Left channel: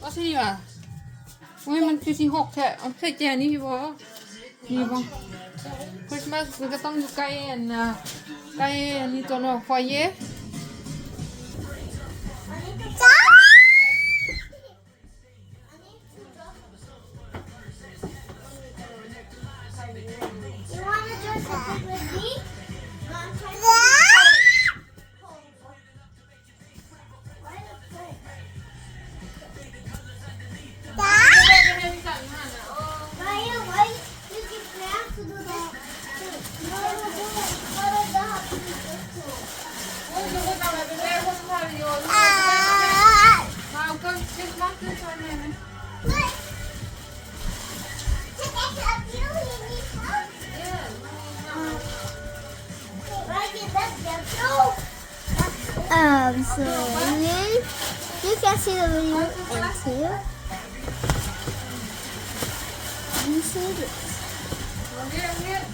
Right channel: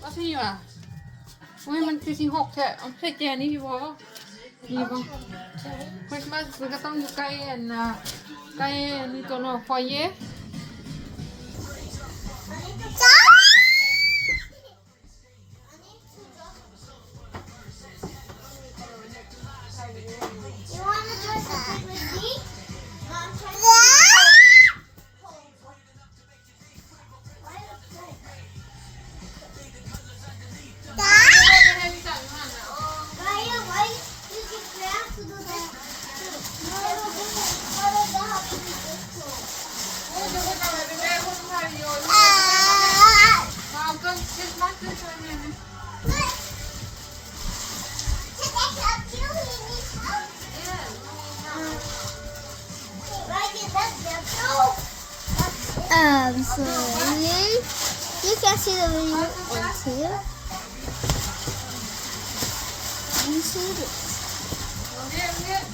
ก็สิว่ะอุ้ยมันคือสิ6แท้เอาใส่แจนี่พี่บอยอ่ะดีป่ะคริสต์มาสมันก็ต้องอยู่ใกล้อันน่ะใกล้อันนี้ตัวเนาะฟอยเย่ จ้า You wanna dress up with me? Why you get back to do that? What is the happiness too? โอ้ยจะคนอะไรเป็นแม่คนไทยอยู่มาเอากันคริสต์มาสที่ชอยเนี่ย So you can see the video until you see this. เรียกเรียก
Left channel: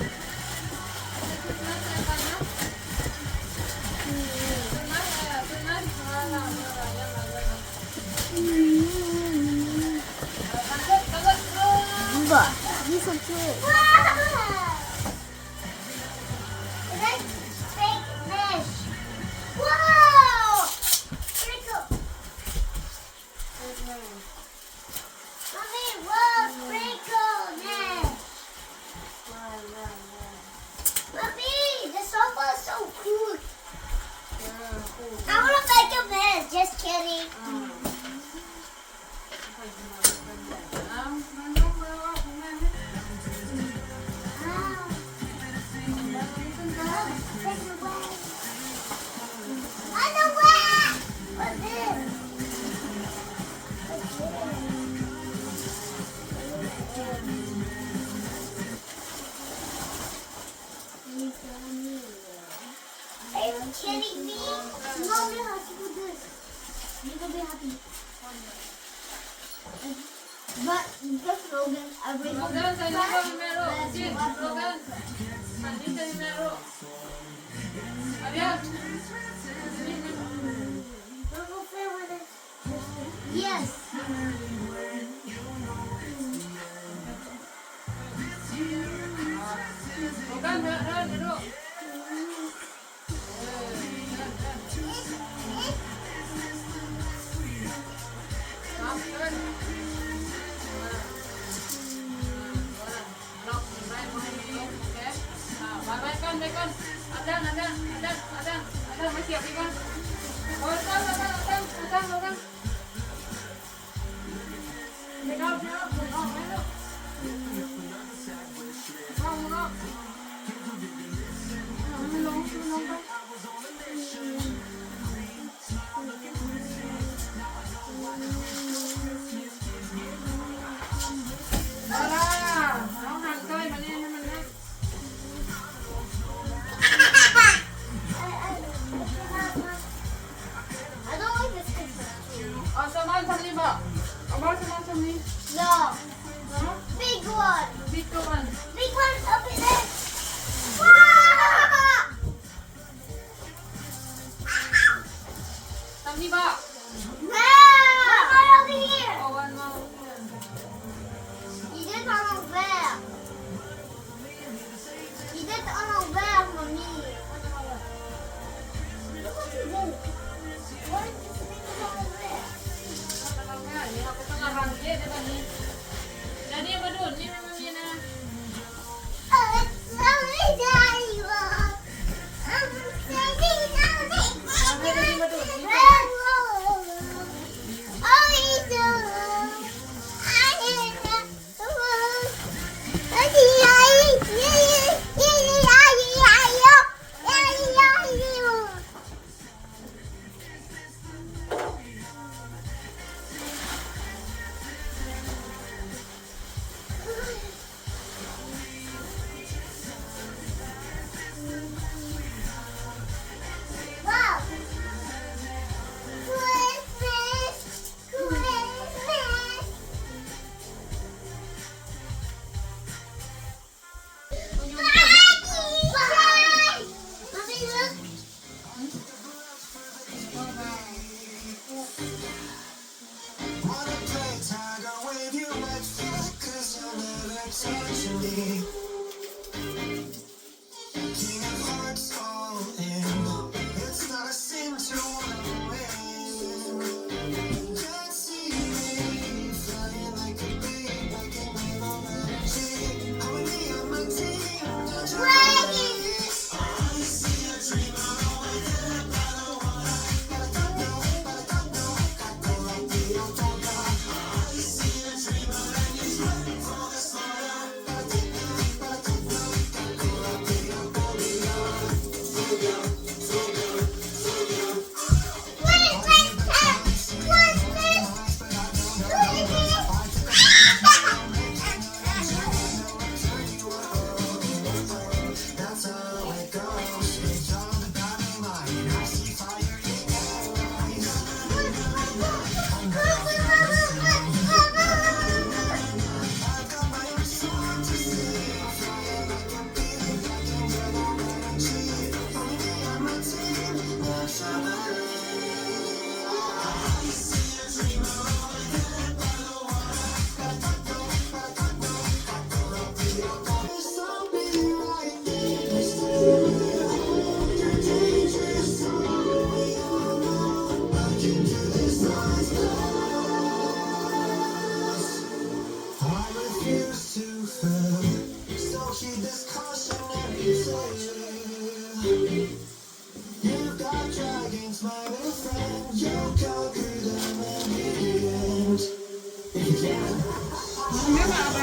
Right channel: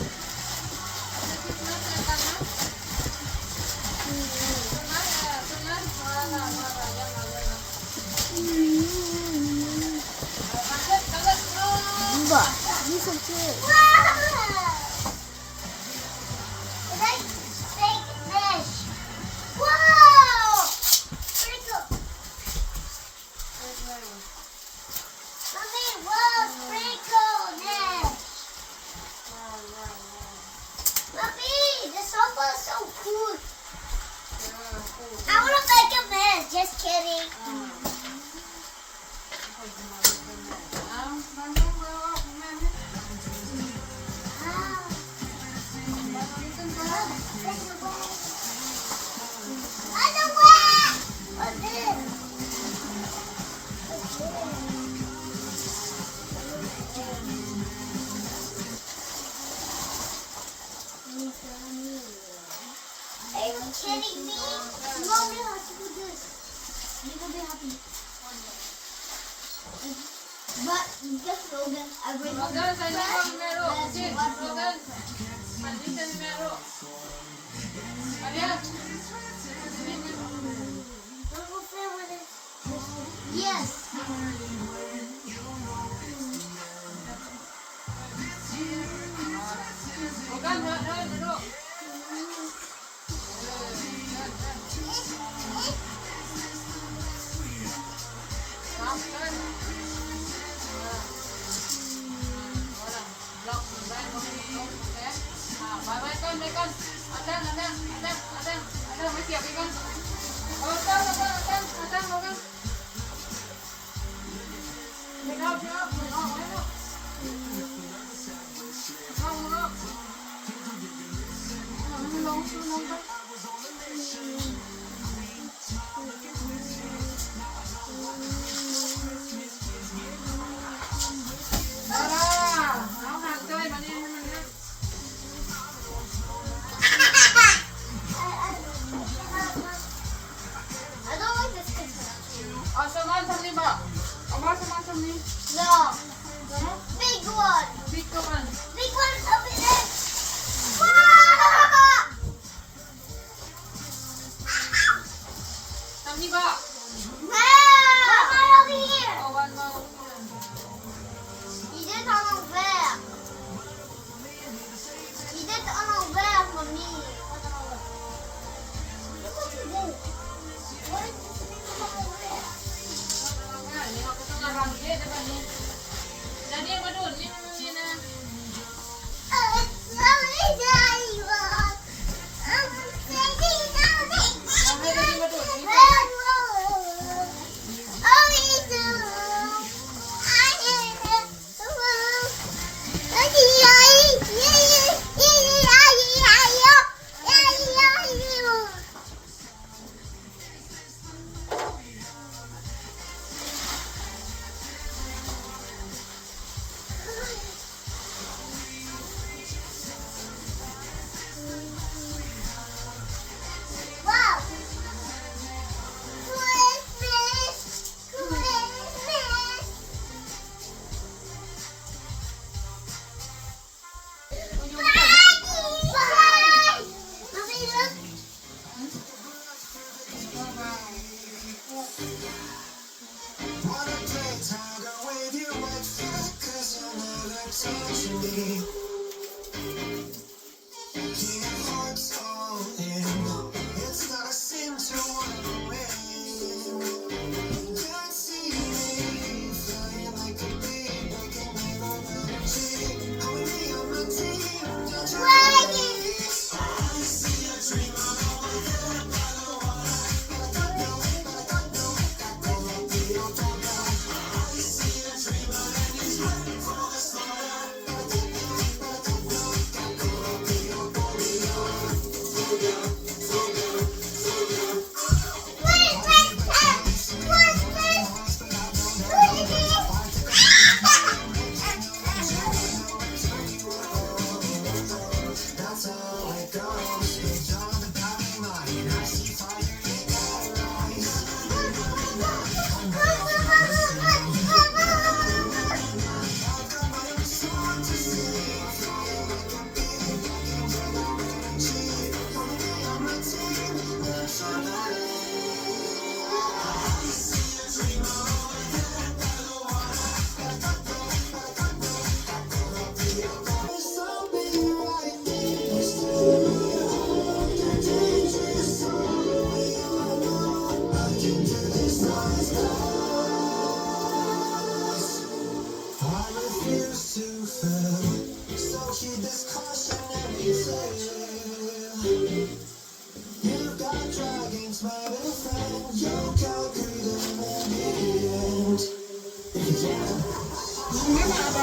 But these are too. Is that fake mesh? Whoa! Sprinkle. Mommy, whoa, sprinkle mesh. Mommy, the sofa is so cool. I want to make a mess. Just kidding. Are you kidding me? Mom, you have to do this. You will be happy. But just Logan, I will not. Logan, sa inyo ba numero? Jin, Logan. Nandito yung numero. Ayan. Yes. Logan, numero. Ada, masih apa kan? Logan. I don't like this picture. Saman samni ba? Aba saman samni. No. Big one. Big one. Big one, open it. Wow!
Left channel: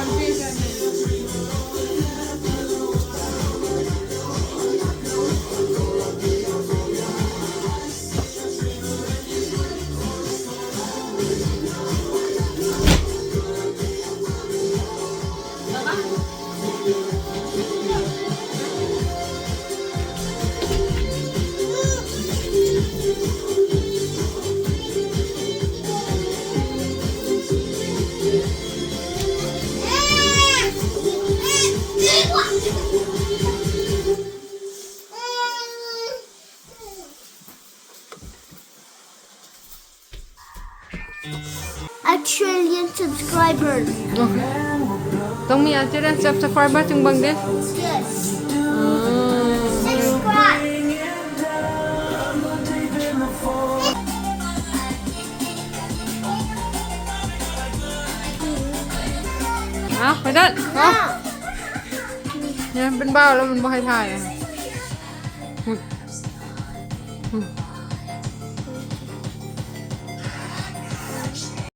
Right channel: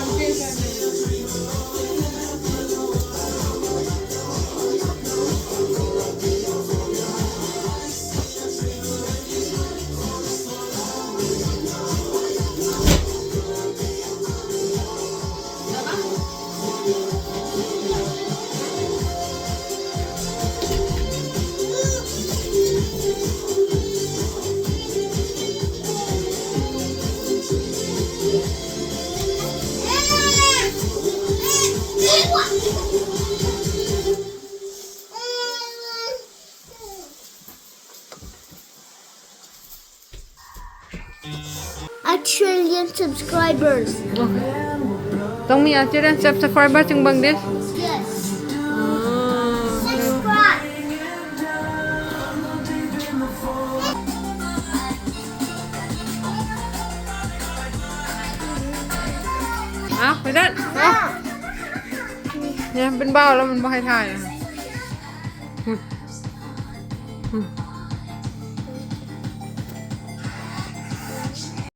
ามเทศกันA trillion subscribers. ต้องมีอาจจะได้ subscriber ถึงเบิ่งเด้ Yes. Subscribe. เอาไปเด้อเอาเนี่ยเป็นเบ้าแล้วมันบ่ให้ถ่ายนะ